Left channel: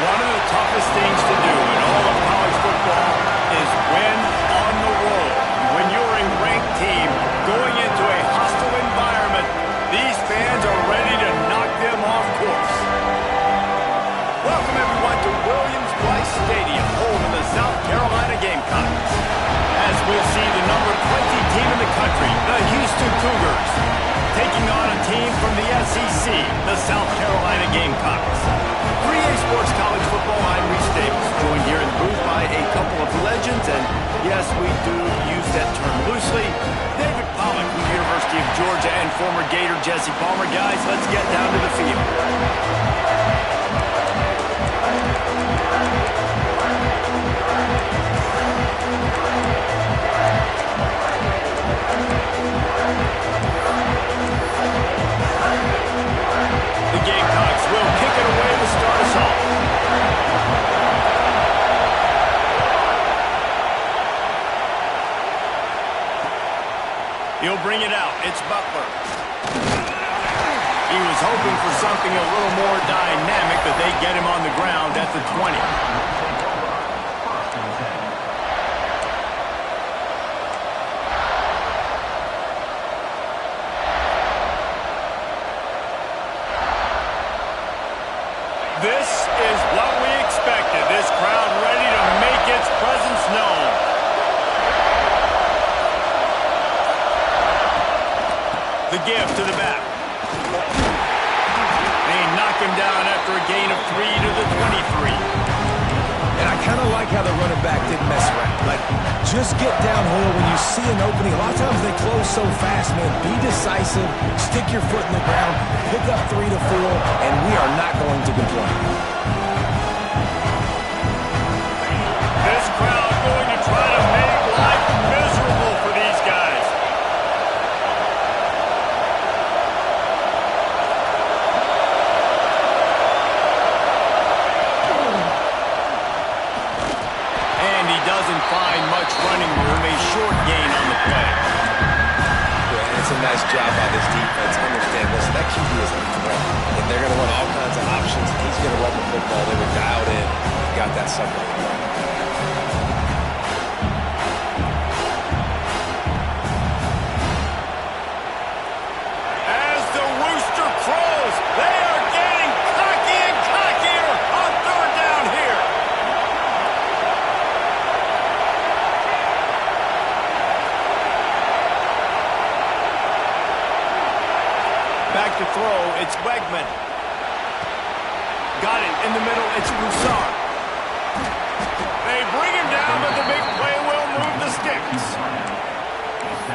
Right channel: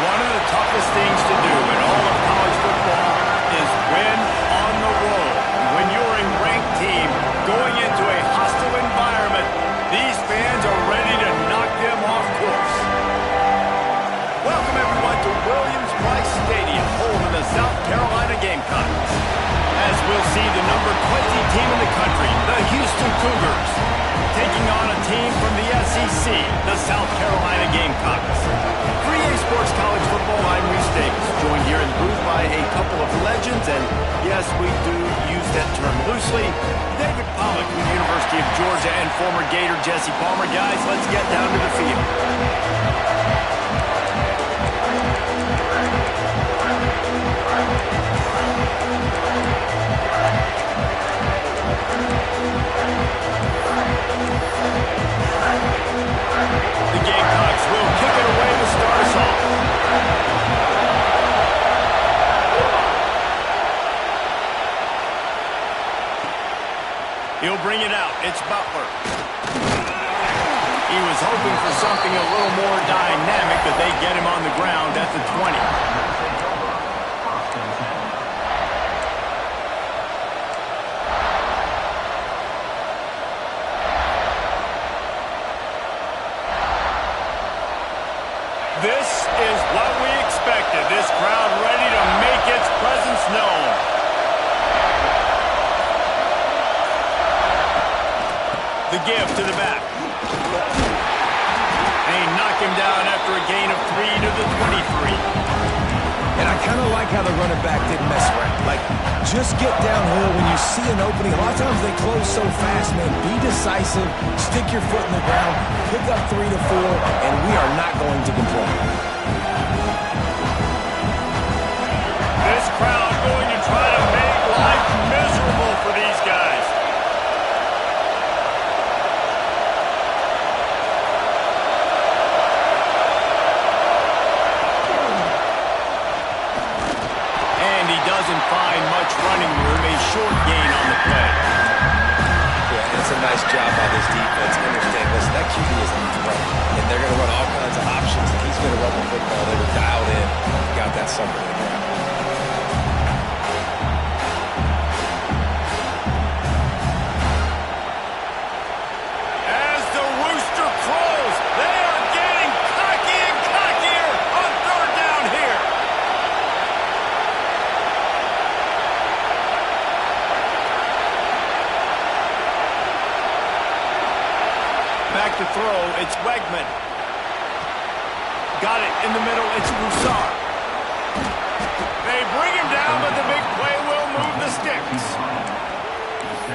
One of the toughest things to do in all of college football is win on the road. When you're a ranked team going into a hostile environment, these fans are ready to knock them off course. Welcome, everyone, to Williams-Brice Stadium, home of the South Carolina Gamecocks. As we'll see the number 20 team in the country, the Houston Cougars, taking on a team from the SEC, the South Carolina Gamecocks. 3A Sports College Football, I'm Reese Davis, joined here in the booth by a couple of legends, and yes, we do use that term loosely. David Pollack from the University of Georgia and former Gator Jesse Palmer. Guys, let's get down to the field. The Gamecocks will kick it away to start us off. He'll bring it out. It's Butler. He was hoping for something a little more dynamic, but they get him on the ground at the 20. This is what we expected. This crowd ready to make its presence known. The give to the back. They knock him down after a gain of 3 to the 23. And I kind of like how the running back didn't mess around. Like, just get downhill when you see an opening. A lot of times they close so fast, man. Be decisive, stick your foot in the ground, pick up 3 to 4, and we are not going to complain. This crowd going to try to make life miserable for these guys. Doesn't find much running room, a short gain on the play. Yeah, and it's a nice job by this defense. Understand, listen, that QB is a threat, and they're going to run all kinds of options, and he's going to run the football. They were dialed in and got that sucker to the ground. As the rooster crows, they are getting cocky and cockier on third down here. Back to throw, it's Wegman. Got it in the middle, it's Broussard. They bring him down, but the big play will move the sticks.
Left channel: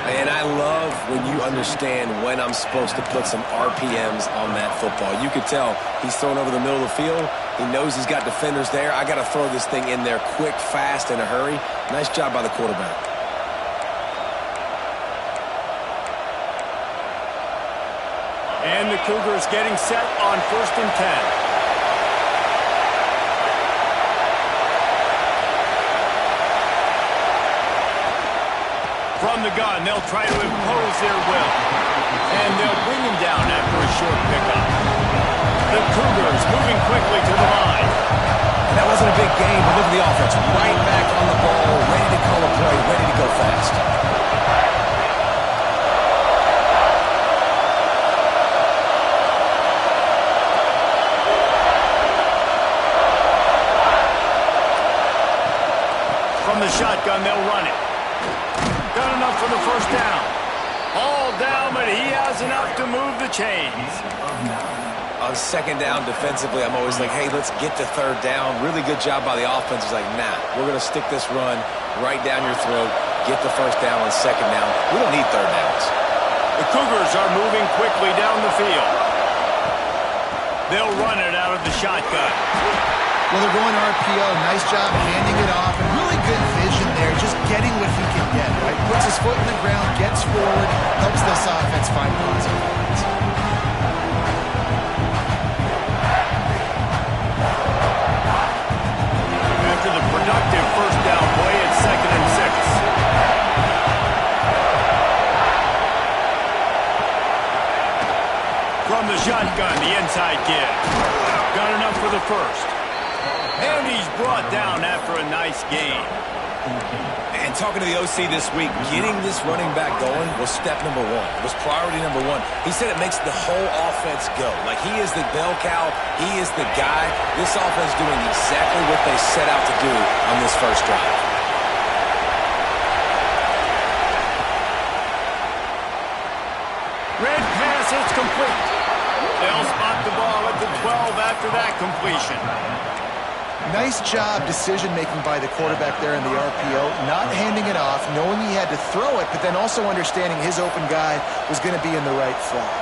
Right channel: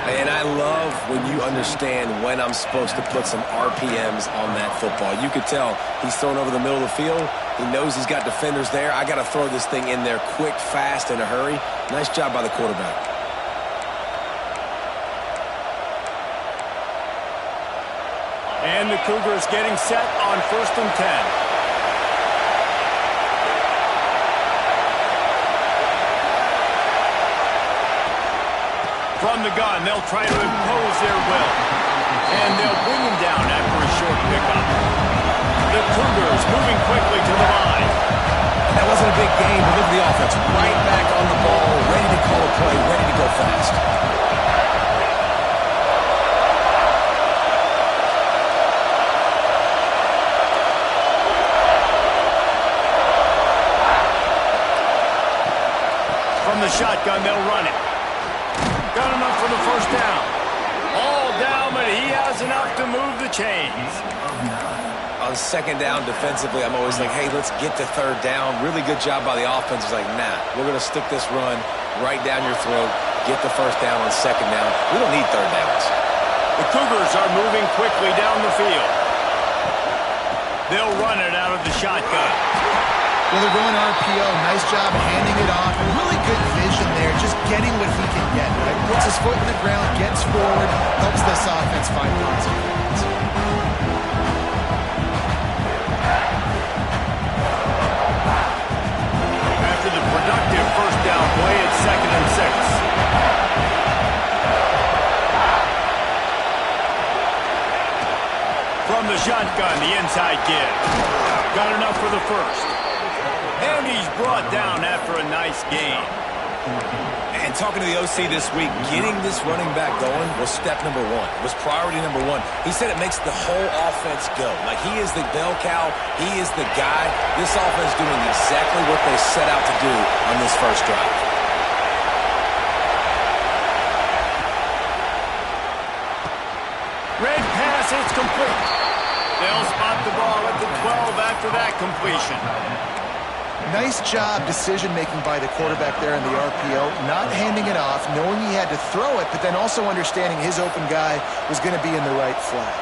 And I love when you understand when I'm supposed to put some RPMs on that football. You could tell he's thrown over the middle of the field. He knows he's got defenders there. I got to throw this thing in there quick, fast, in a hurry. Nice job by the quarterback. And the Cougars getting set on 1st and 10. From the gun, they'll try to impose their will. And they'll bring him down after a short pickup. The Cougars moving quickly to the line. And that wasn't a big gain, but look at the offense. Right back on the ball, ready to call a play, ready to go fast. From the shotgun, they'll run it. Got enough for the first down. All down, but he has enough to move the chains. On second down defensively, I'm always like, hey, let's get to third down. Really good job by the offense. It's like, nah, we're going to stick this run right down your throat, get the first down on second down. We don't need third downs. The Cougars are moving quickly down the field. They'll run it out of the shotgun. Well, they're going RPO. Nice job handing it off. And really good vision there, just getting what he can get, right? Puts his foot in the ground, gets forward, helps this offense find positive points. After the productive first down play, it's 2nd and 6. From the shotgun, the inside give. Got enough for the first. And he's brought down after a nice gain. And talking to the OC this week, getting this running back going was step number one. It was priority number one. He said it makes the whole offense go. Like, he is the bell cow. He is the guy. This offense doing exactly what they set out to do on this first drive. Red pass, it's complete. They'll spot the ball at the 12 after that completion. Nice job decision-making by the quarterback there in the RPO, not handing it off, knowing he had to throw it, but then also understanding his open guy was going to be in the right flat.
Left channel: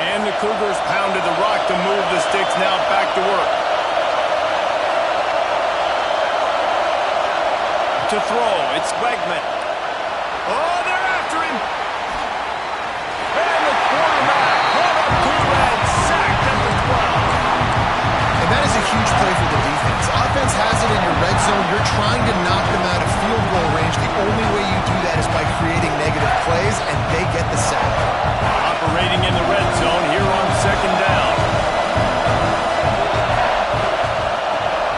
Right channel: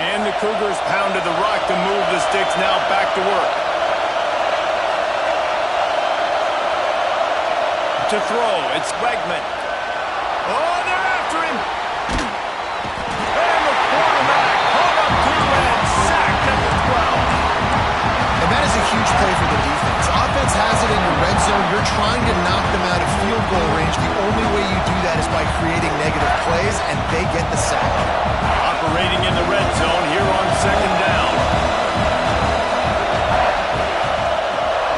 And the Cougars pounded the rock to move the sticks now back to work. To throw, it's Wegman. Oh, they're after him. And the quarterback caught up to and sacked at the 12. And that is a huge play for the defense. Offense has it in your red zone. You're trying to knock them out of field goal range. The only way you do that is by creating negative plays, and they get the sack. Operating in the red zone here on second down.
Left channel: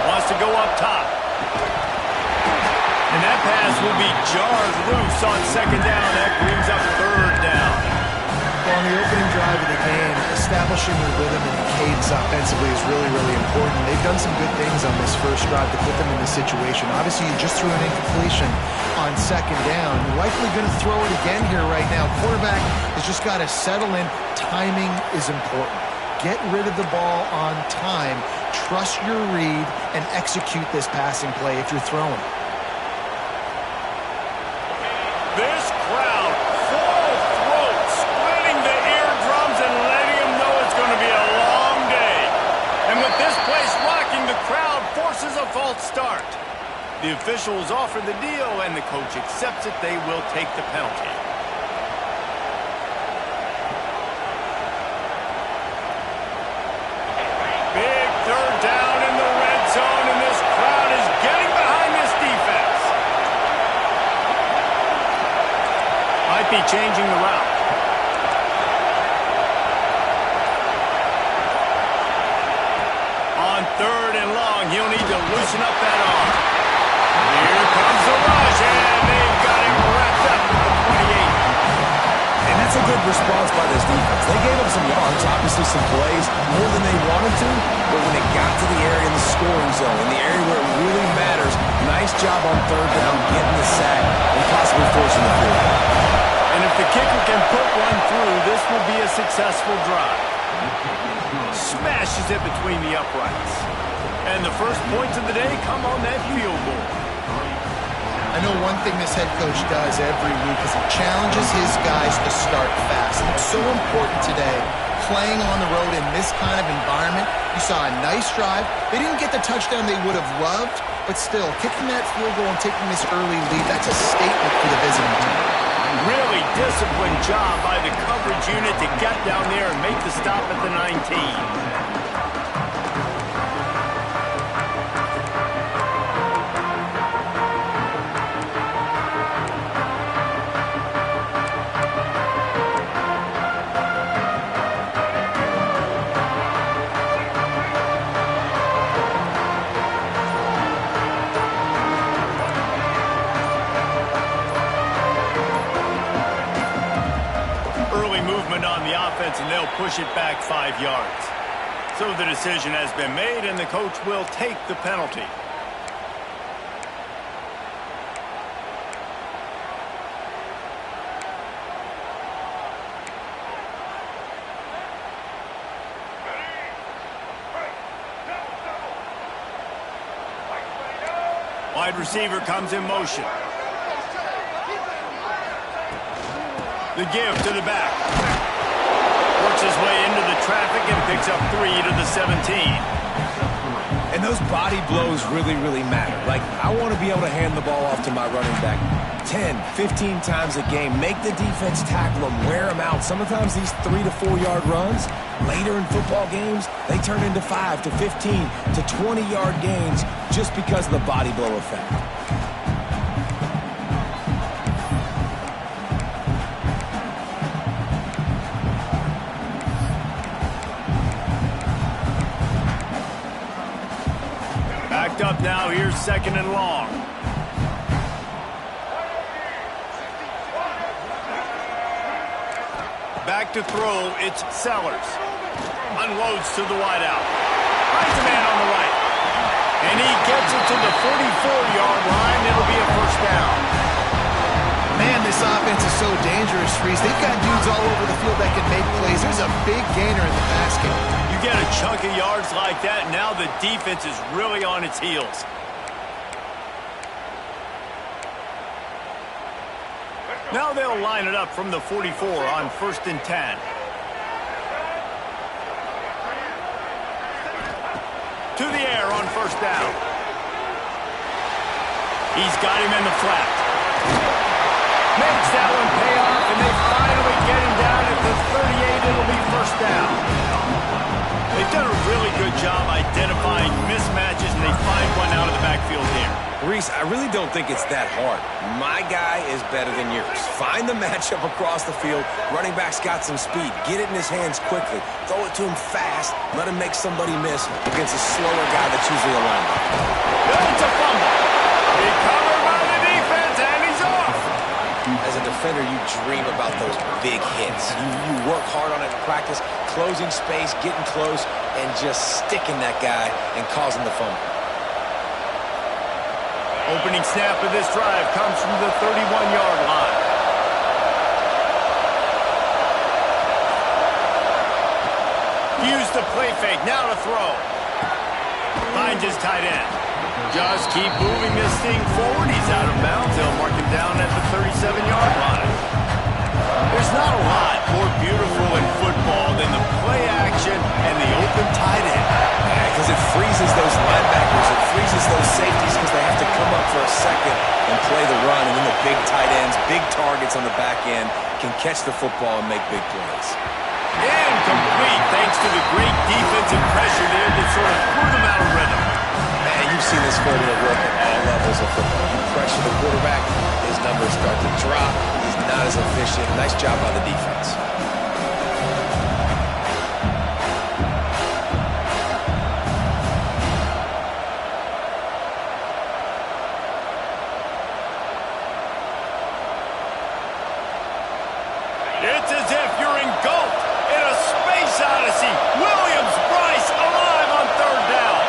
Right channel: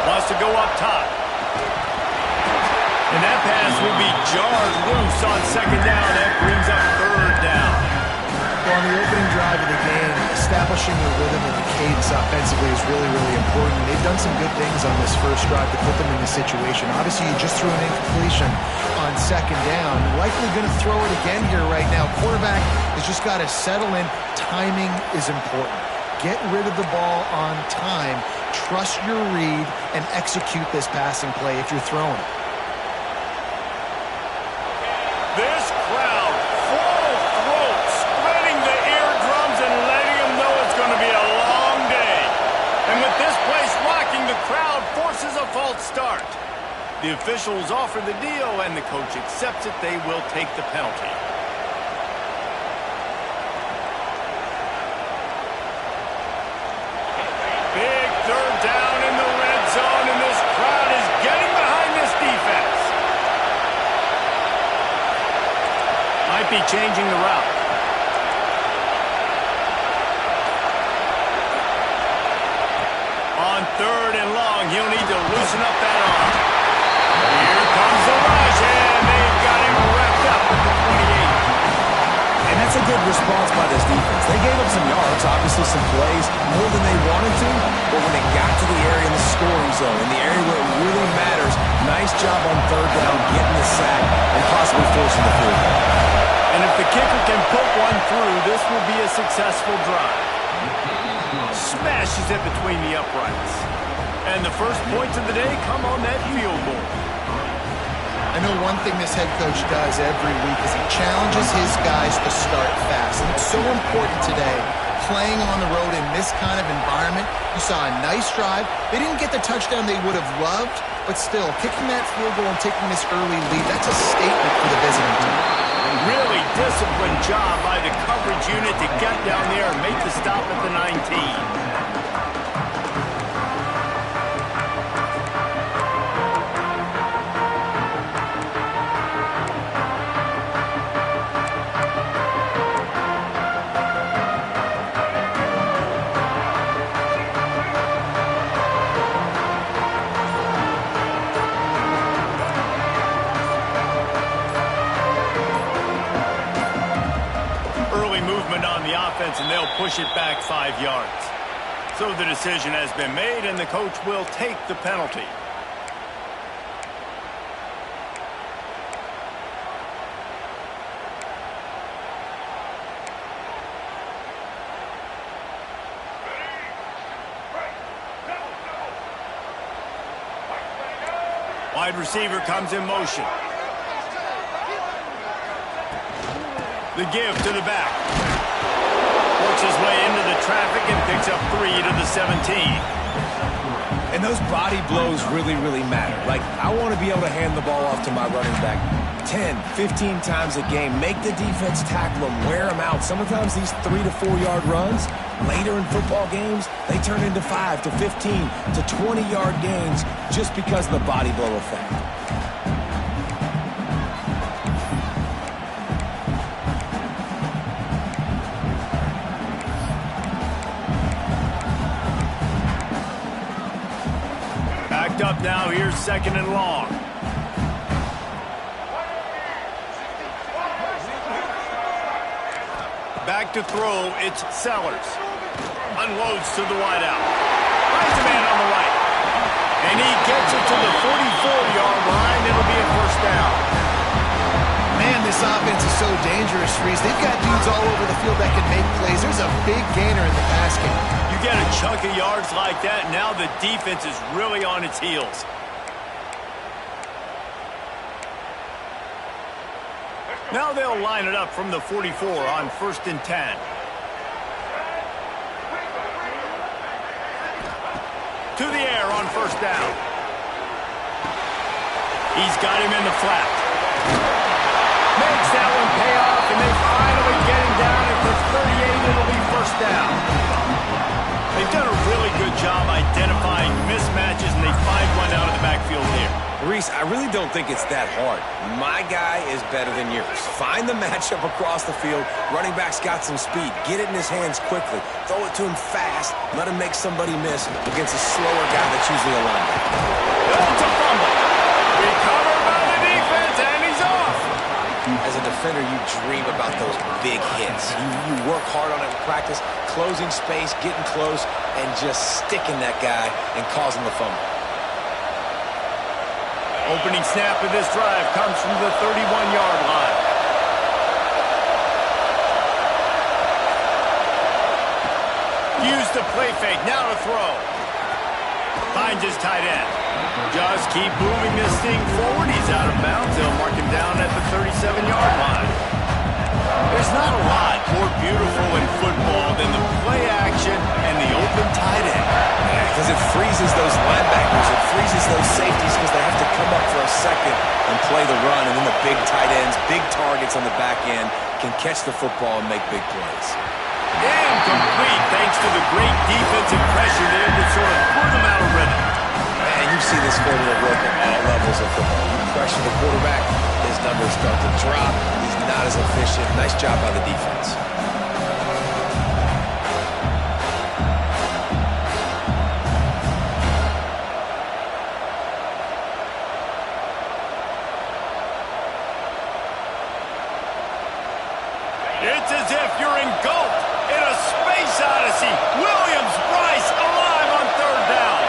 Wants to go up top. And that pass will be jarred loose on second down. That brings up third down. Well, on the opening drive of the game, establishing the rhythm and the cadence offensively is really, really important. They've done some good things on this first drive to put them in this situation. Obviously, you just threw an incompletion on second down. Likely going to throw it again here right now. Quarterback has just got to settle in. Timing is important. Get rid of the ball on time. Trust your read and execute this passing play if you're throwing it. This crowd full throat, splitting the eardrums and letting them know it's going to be a long day. And with this place rocking, the crowd forces a false start. The officials offer the deal, and the coach accepts it. They will take the penalty. Big third down in the red zone, and this crowd is getting behind this defense. Might be changing the route. On third and long, he'll need to loosen up that arm. Here comes the rush, and they've got him wrapped up at the 28. And that's a good response by this defense. They gave up some yards, obviously some plays, more than they wanted to, but when it got to the area in the scoring zone, in the area where it really matters, nice job on third down, getting the sack, and possibly forcing the field goal. And if the kicker can put one through, this will be a successful drive. Smashes it between the uprights. And the first points of the day come on that field goal. I know one thing this head coach does every week is he challenges his guys to start fast. And it's so important today, playing on the road in this kind of environment. You saw a nice drive. They didn't get the touchdown they would have loved, but still, kicking that field goal and taking this early lead, that's a statement for the visiting team. Really disciplined job by the coverage unit to get down there and make the stop at the 19. On the offense, and they'll push it back 5 yards. So the decision has been made, and the coach will take the penalty. Wide receiver comes in motion. The give to the back. Works his way into the traffic and picks up 3 to the 17. And those body blows really, really matter. Like, I want to be able to hand the ball off to my running back 10, 15 times a game. Make the defense tackle them, wear them out. Sometimes these 3 to 4 yard runs, later in football games, they turn into 5 to 15 to 20 yard gains just because of the body blow effect. up now. Here's 2nd and long. Back to throw, it's Sellers. Unloads to the wideout. Finds a man on the right. And he gets it to the 44-yard line. It'll be a first down. Man, this offense is so dangerous, Reese. They've got dudes all over the field that can make plays. There's a big gainer in the pass game. You get a chunk of yards like that, now the defense is really on its heels. Now they'll line it up from the 44 on 1st and 10. To the air on 1st down. He's got him in the flat. Makes that one pay off, and they finally get him down at the 38. It'll be 1st down. They've done a really good job identifying mismatches, and they find one out of the backfield here. Reese, I really don't think it's that hard. My guy is better than yours. Find the matchup across the field. Running back's got some speed. Get it in his hands quickly. Throw it to him fast. Let him make somebody miss against a slower guy that's usually a linebacker. It's a fumble. Recovered by the defense, and he's off. As a defender, you dream about those big hits. You work hard on it in practice, closing space, getting close, and just sticking that guy and causing the fumble. Opening snap of this drive comes from the 31-yard line. Use the play fake, now to throw. Finds his tight end. Just keep moving this thing forward. He's out of bounds. They'll mark him down at the 37-yard line. There's not a lot more beautiful in football than the play action and the open tight end. Yeah, because it freezes those linebackers. It freezes those safeties because they have to come up for a second and play the run. And then the big tight ends, big targets on the back end can catch the football and make big plays. Incomplete thanks to the great defensive pressure there that sort of threw them out of rhythm. Man, you've seen this formula work at all levels of football. You pressure the quarterback, his numbers start to drop. He's not as efficient. Nice job by the defense. It's as if you're engulfed in a space odyssey. Williams-Brice alive on 3rd down.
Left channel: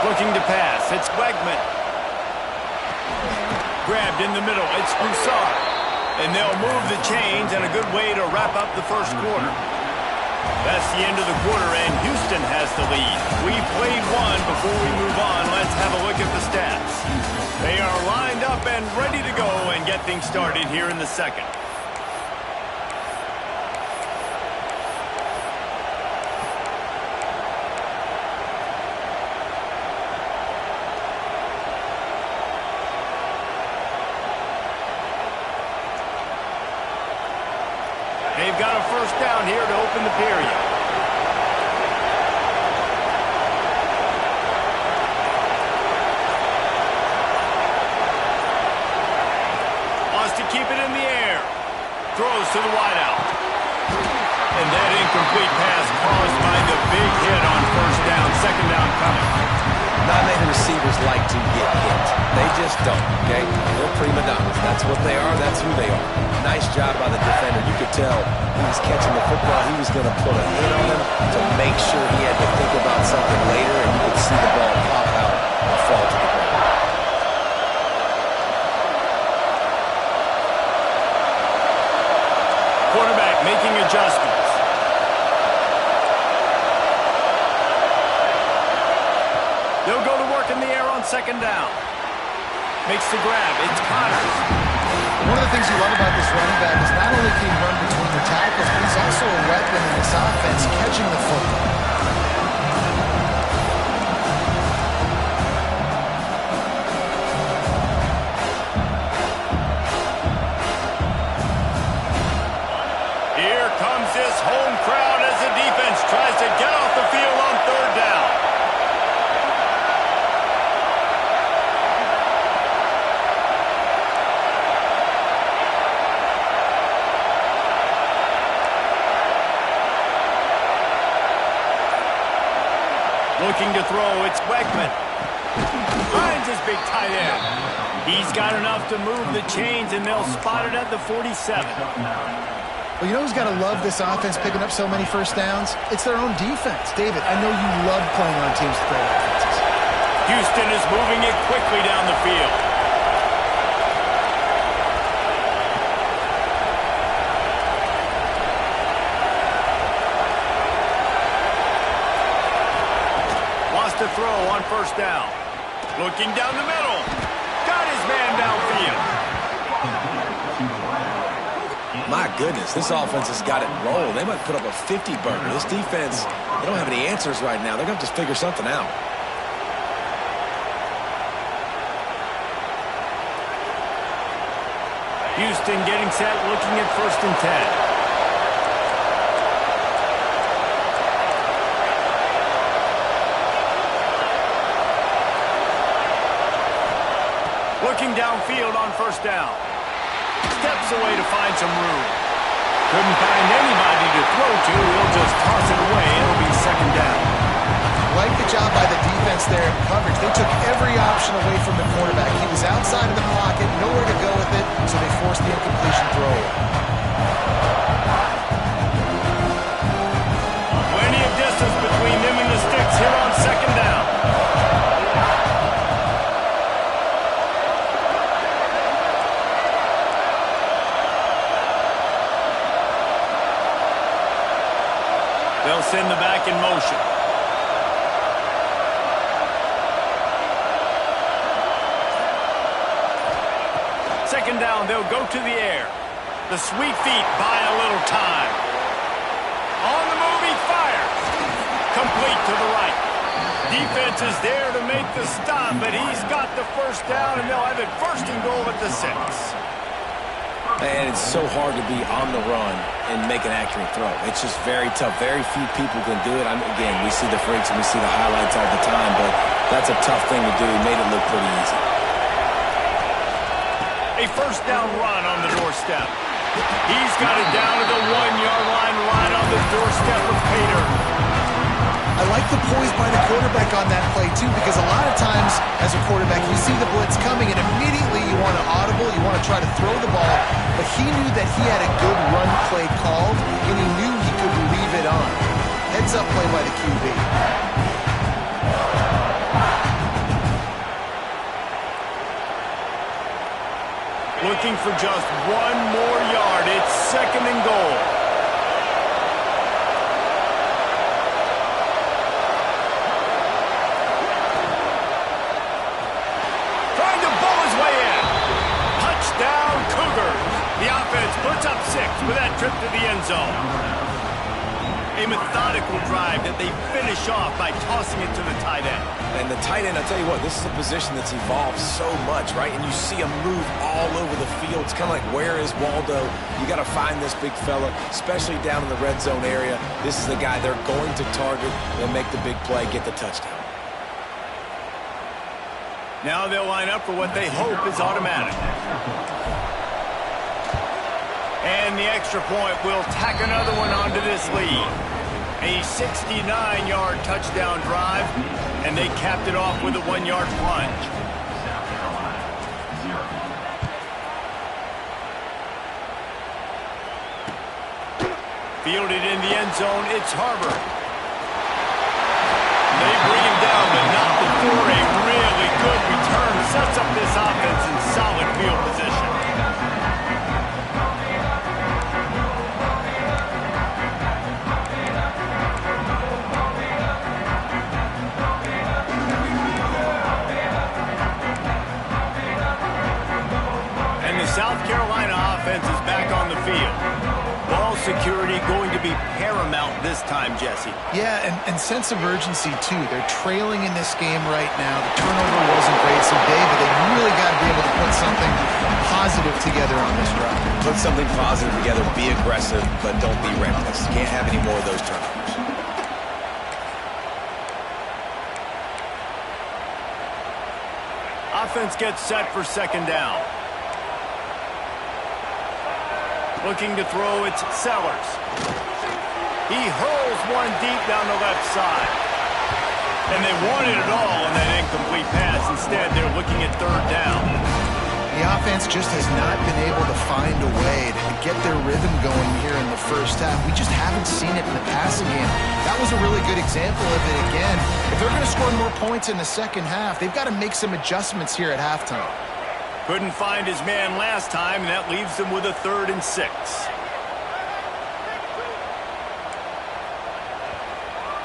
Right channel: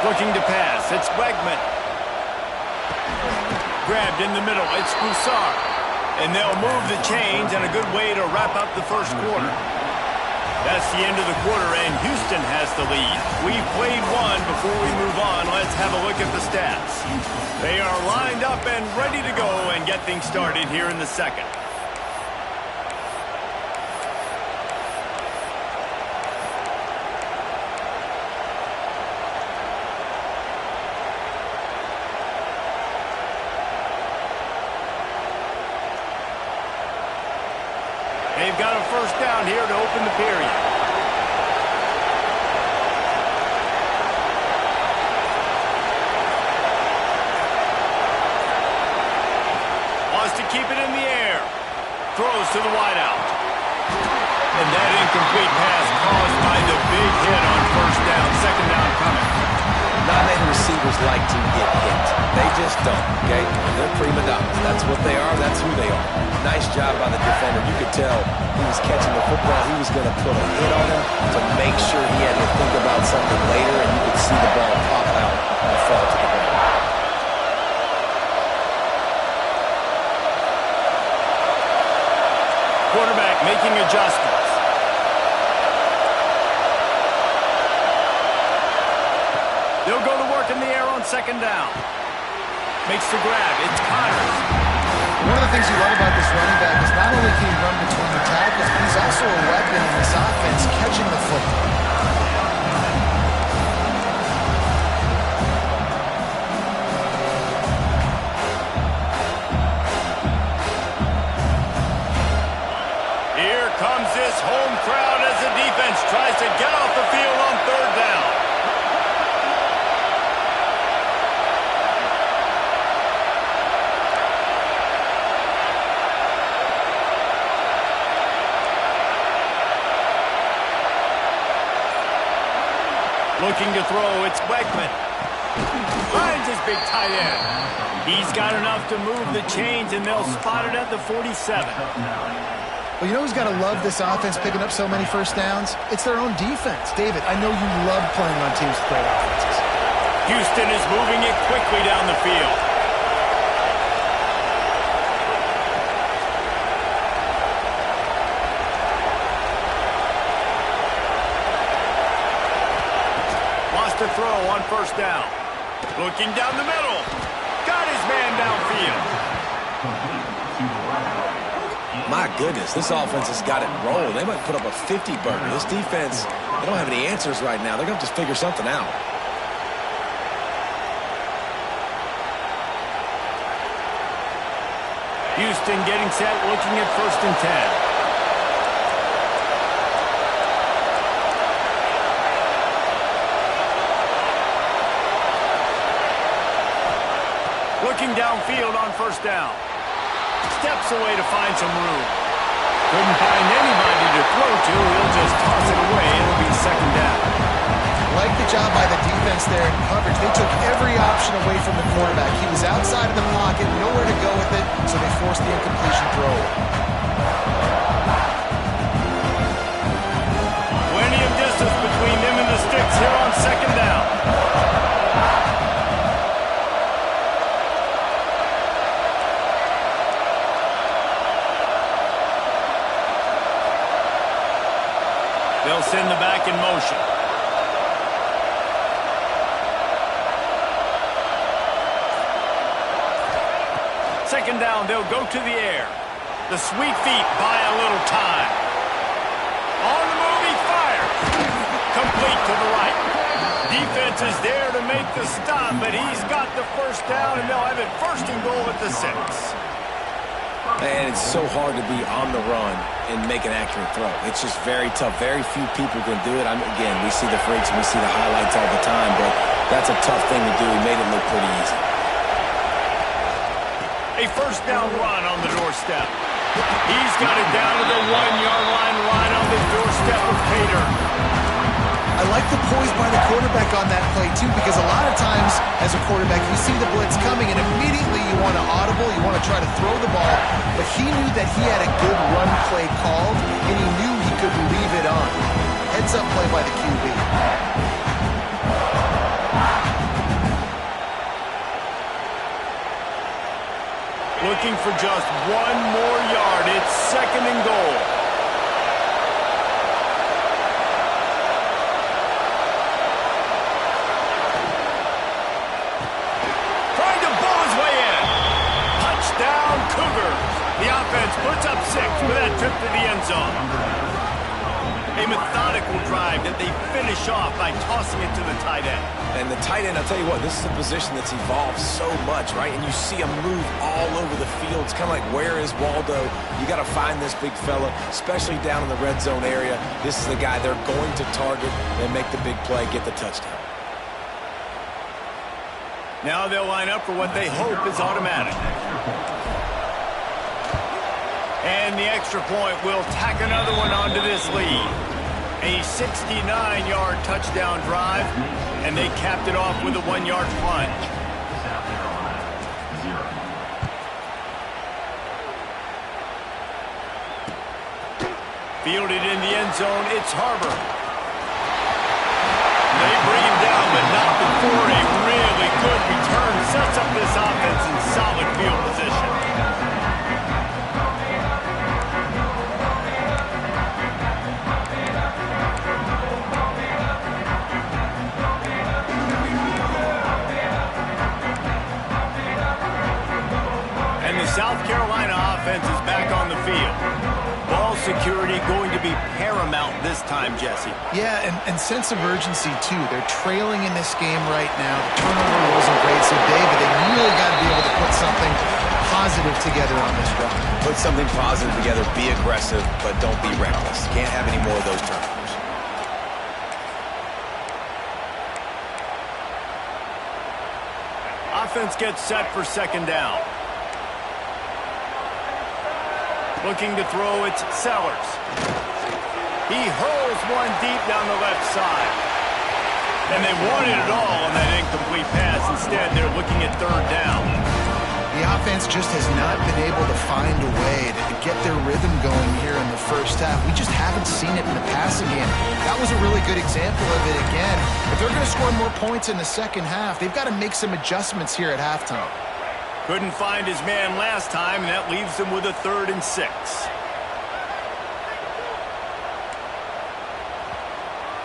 Looking to pass, it's Wegman. Grabbed in the middle, it's Broussard. And they'll move the chains, and a good way to wrap up the 1st quarter. That's the end of the quarter, and Houston has the lead. We've played one. Before we move on, let's have a look at the stats. They are lined up and ready to go and get things started here in the 2nd. They've got a 1st down here to open the period. Wants to keep it in the air. Throws to the wideout. And that incomplete pass caused by the big hit on 1st down. 2nd down coming. Not many receivers like to get hit. They just don't, okay? They're prima donnas. That's what they are. That's who they are. Nice job by the defender. You could tell he was catching the football. He was going to put a hit on him to make sure he had to think about something later, and you could see the ball pop out and fall to the ground. Quarterback making adjustments. They'll go to work in the air on 2nd down. Makes the grab. It's Connors. One of the things you love about this running back is not only can he run between the tackles, but he's also a weapon in this offense, catching the football. Here comes this home crowd as the defense tries to get off the field on 3rd down. Looking to throw, it's Wegman. Finds his big tight end. He's got enough to move the chains, and they'll spot it at the 47. Well, you know who's got to love this offense picking up so many first downs? It's their own defense. David, I know you love playing on teams with great offenses. Houston is moving it quickly down the field. Wants to throw on first down. Looking down the middle. Got his man downfield. My goodness, this offense has got it rolled. They might put up a 50-burger. This defense, they don't have any answers right now. They're going to have to figure something out. Houston getting set, looking at 1st and 10. Looking downfield on first down. Steps away to find some room. Couldn't find anybody to throw to. He'll just toss it away. It'll be 2nd down. Like the job by the defense there in coverage. They took every option away from the quarterback. He was outside of the pocket, nowhere to go with it, so they forced the incompletion throw. Plenty of distance between them and the sticks here on 2nd down. They'll send the back in motion. Second down, they'll go to the air. The sweet feet buy a little time. On the move, he fires. Complete to the right. Defense is there to make the stop, but he's got the first down, and they'll have it 1st and goal at the 6. And it's so hard to be on the run and make an accurate throw. It's just very tough. Very few people can do it. Again, we see the freaks and we see the highlights all the time, but that's a tough thing to do. He made it look pretty easy. A 1st down run on the doorstep. He's got it down to the 1-yard line right on the doorstep of Pater. I like the poise by the quarterback on that play, too, because a lot of times as a quarterback, you see the blitz coming, and immediately you want to audible, you want to try to throw the ball, but he knew that he had a good run play called, and he knew he could leave it on. Heads-up play by the QB. Looking for just 1 more yard. It's 2nd and goal. Trying to bowl his way in. Touchdown, Cougars. The offense puts up 6 with that trip to the end zone. A methodical drive that they finish off by tossing it to the tight end. And the tight end, I'll tell you what, this is a position that's evolved so much, right? And you see him move all over the field. It's kind of like, where is Waldo? You got to find this big fella, especially down in the red zone area. This is the guy they're going to target and make the big play, get the touchdown. Now they'll line up for what they hope is automatic. And the extra point will tack another one onto this lead. A 69-yard touchdown drive, and they capped it off with a 1-yard plunge. South Carolina, 0. Fielded in the end zone, it's Harbor. They bring him down, but not before a really good return. Sets up this offense in solid field position. South Carolina offense is back on the field. Ball security going to be paramount this time, Jesse. Yeah, and sense of urgency, too. They're trailing in this game right now. The turnover wasn't great, so, David, they really got to be able to put something positive together on this drive. Put something positive together, be aggressive, but don't be reckless. Can't have any more of those turnovers. Offense gets set for 2nd down. Looking to throw, it's Sellers. He hurls one deep down the left side. And they wanted it all on that incomplete pass. Instead, they're looking at third down. The offense just has not been able to find a way to get their rhythm going here in the first half. We just haven't seen it in the passing game. That was a really good example of it again. If they're going to score more points in the second half, they've got to make some adjustments here at halftime. Couldn't find his man last time, and that leaves them with a 3rd and 6.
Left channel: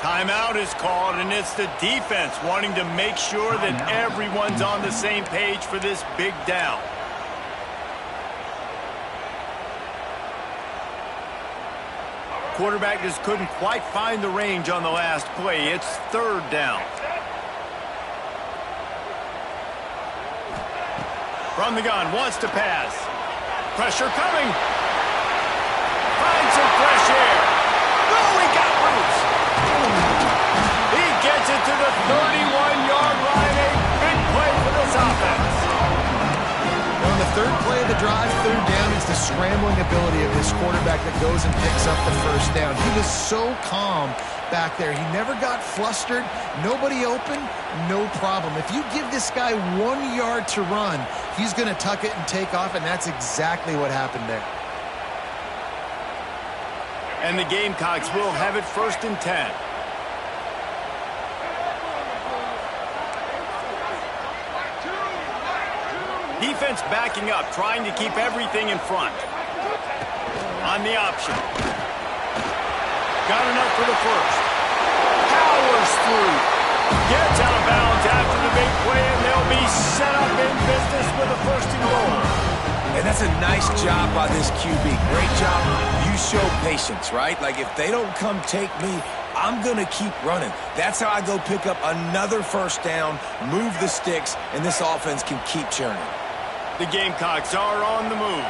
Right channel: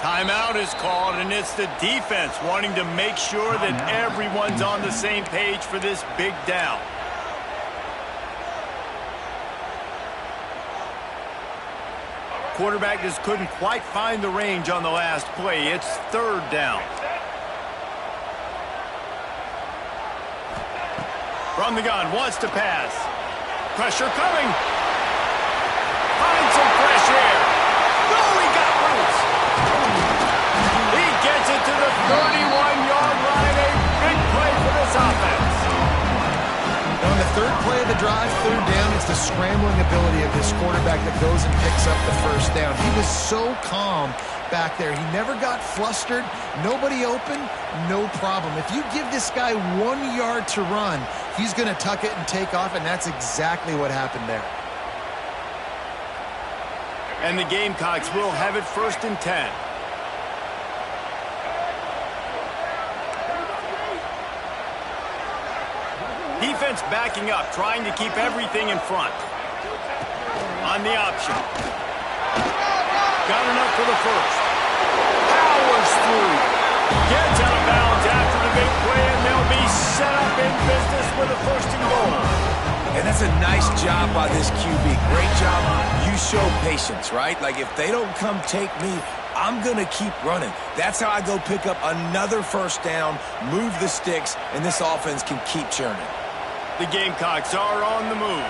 Timeout is called, and it's the defense wanting to make sure that everyone's on the same page for this big down. Quarterback just couldn't quite find the range on the last play. It's 3rd down. From the gun, wants to pass. Pressure coming. Find some fresh air. Oh, he got loose. He gets it to the 31-yard line. A big play for this offense. On the 3rd play of the drive, 3rd down, it's the scrambling ability of this quarterback that goes and picks up the 1st down. He was so calm back there. He never got flustered. Nobody open, no problem. If you give this guy 1 yard to run, he's going to tuck it and take off, and that's exactly what happened there. And the Gamecocks will have it 1st and 10. Defense backing up, trying to keep everything in front. On the option. Got enough for the 1st. Powers through. Gets out of bounds after the big play, and they'll be set up in business with a 1st and goal. And that's a nice job by this QB. Great job. You show patience, right? Like, if they don't come take me, I'm going to keep running. That's how I go pick up another 1st down, move the sticks, and this offense can keep churning. The Gamecocks are on the move.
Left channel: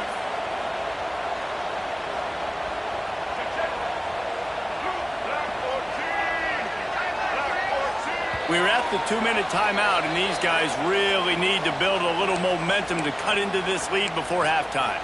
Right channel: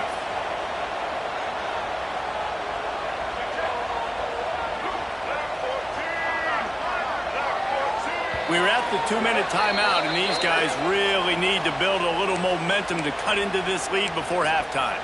We're at the 2-minute timeout, and these guys really need to build a little momentum to cut into this lead before halftime.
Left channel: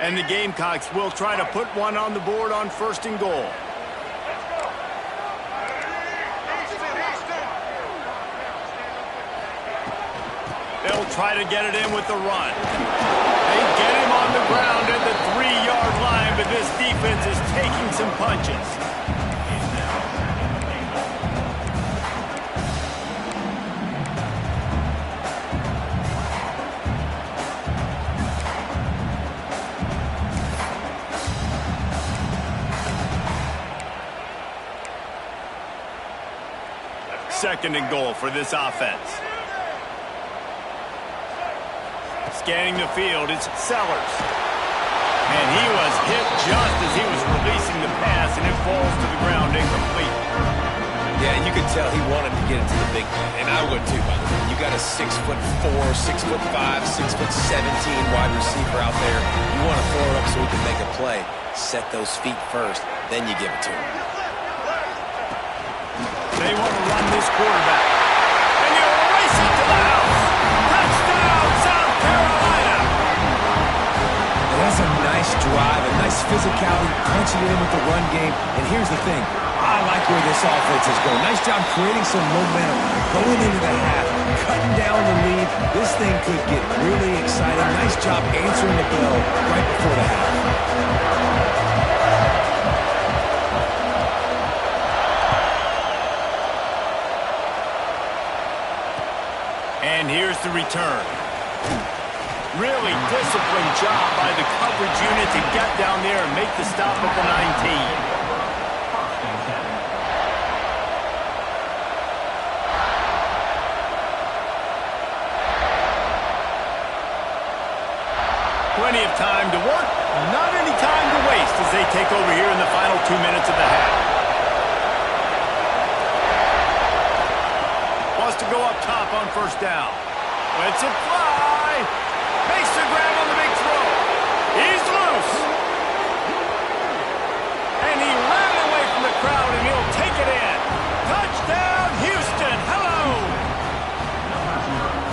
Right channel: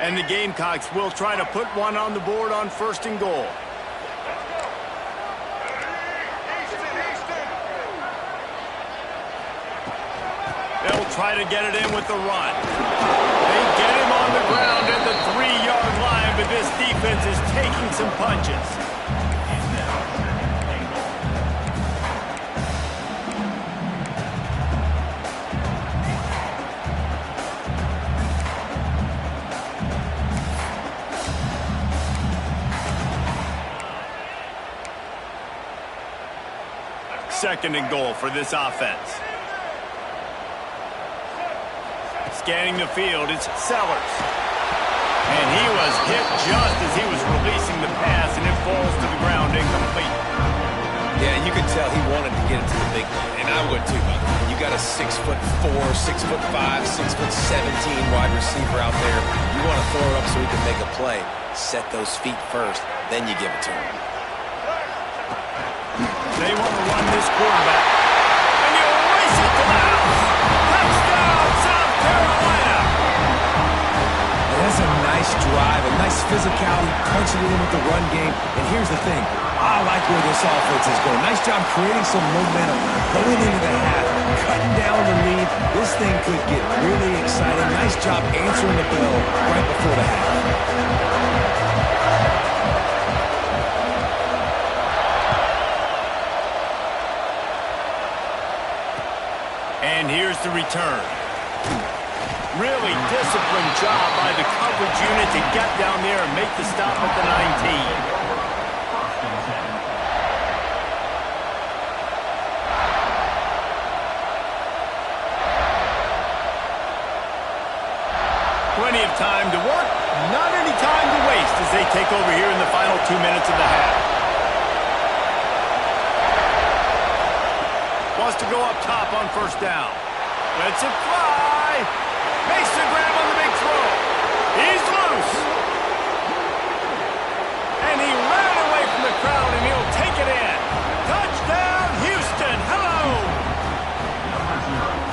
And the Gamecocks will try to put one on the board on 1st and goal. They'll try to get it in with the run. They get him on the ground at the 3-yard line, but this defense is taking some punches. Second and goal for this offense. Scanning the field, it's Sellers. And he was hit just as he was releasing the pass, and it falls to the ground incomplete. Yeah, you could tell he wanted to get it to the big man, and I would too, by the way. You got a 6'4", 6'5", 6'17" wide receiver out there. You want to throw it up so he can make a play. Set those feet first, then you give it to him. They want to run this quarterback. And he'll race it to the house. Touchdown, South Carolina. And that's a nice drive, a nice physicality, punching it in with the run game. And here's the thing. I like where this offense is going. Nice job creating some momentum, going into the half, cutting down the lead. This thing could get really exciting. Nice job answering the bell right before the half. And here's the return. Really disciplined job by the coverage unit to get down there and make the stop at the 19. Plenty of time to work, not any time to waste as they take over here in the final 2 minutes of the half. Wants to go up top on 1st down. Lets it fly. Makes the grab on the big throw. He's loose. And he ran away from the crowd, and he'll take it in. Touchdown, Houston. Hello.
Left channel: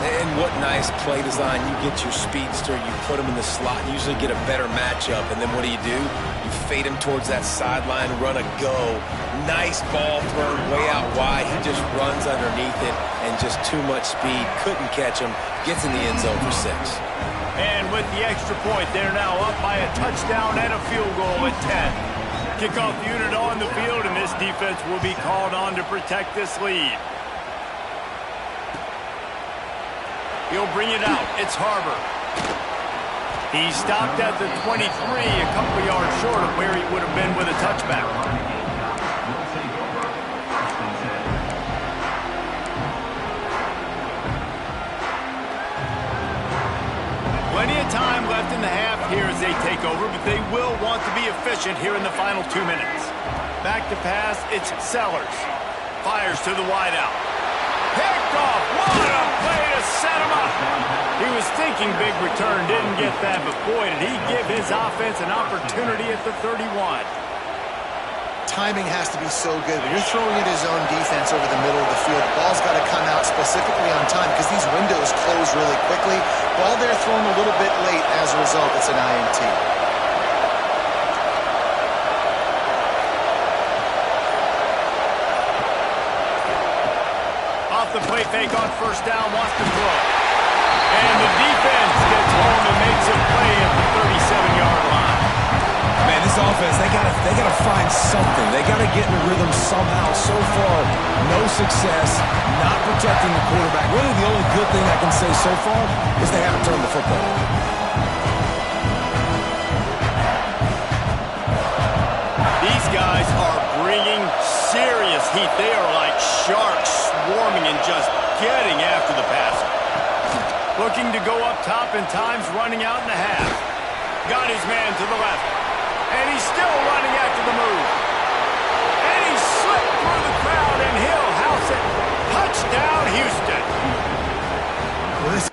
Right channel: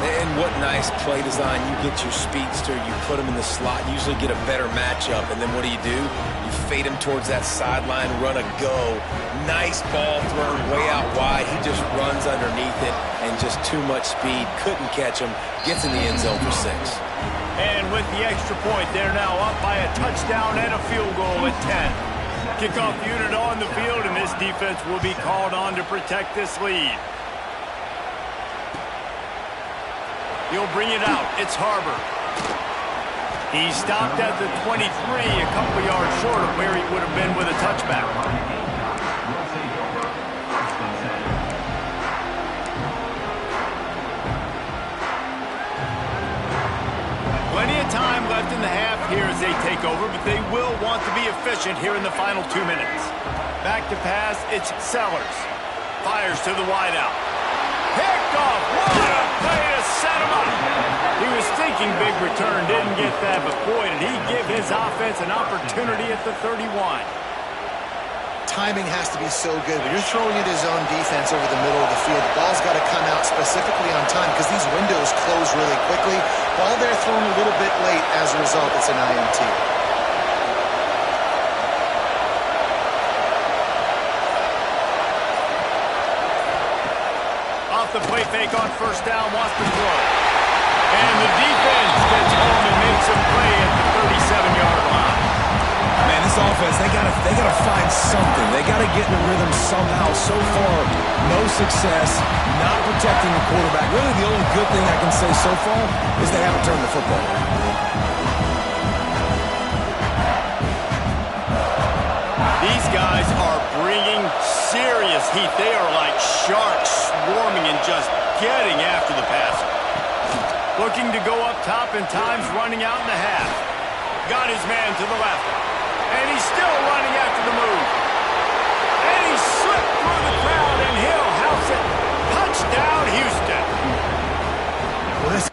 And what nice play design. You get your speedster, you put him in the slot, usually get a better matchup, and then what do? You fade him towards that sideline, run a go. Nice ball thrown way out wide. He just runs underneath it, and just too much speed. Couldn't catch him. Gets in the end zone for 6. And with the extra point, they're now up by a touchdown and a field goal at 10. Kickoff unit on the field, and this defense will be called on to protect this lead. He'll bring it out. It's Harbor. He stopped at the 23, a couple yards short of where he would have been with a touchback. Plenty of time left in the half here as they take over, but they will want to be efficient here in the final 2 minutes. Back to pass, it's Sellers. Fires to the wideout. Picked off. What a play to set him up. He was thinking big return, didn't get that, but boy, did he give his offense an opportunity at the 31. Timing has to be so good. When you're throwing at his own defense over the middle of the field, the ball's got to come out specifically on time because these windows close really quickly. Ball there thrown a little bit late. As a result, it's an INT. Off the play fake on first down, wants to throw. And the defense gets home and makes a play at the 37-yard line. Man, this offense, they gotta find something. They gotta get in a rhythm somehow. So far, no success, not protecting the quarterback. Really, the only good thing I can say so far is they haven't turned the football over. These guys are bringing serious heat. They are like sharks swarming and just getting after the passer. Looking to go up top, and time's running out in the half. Got his man to the left. And he's still running after the move. And he slipped through the crowd, and he'll house it. Touchdown, Houston. Well, this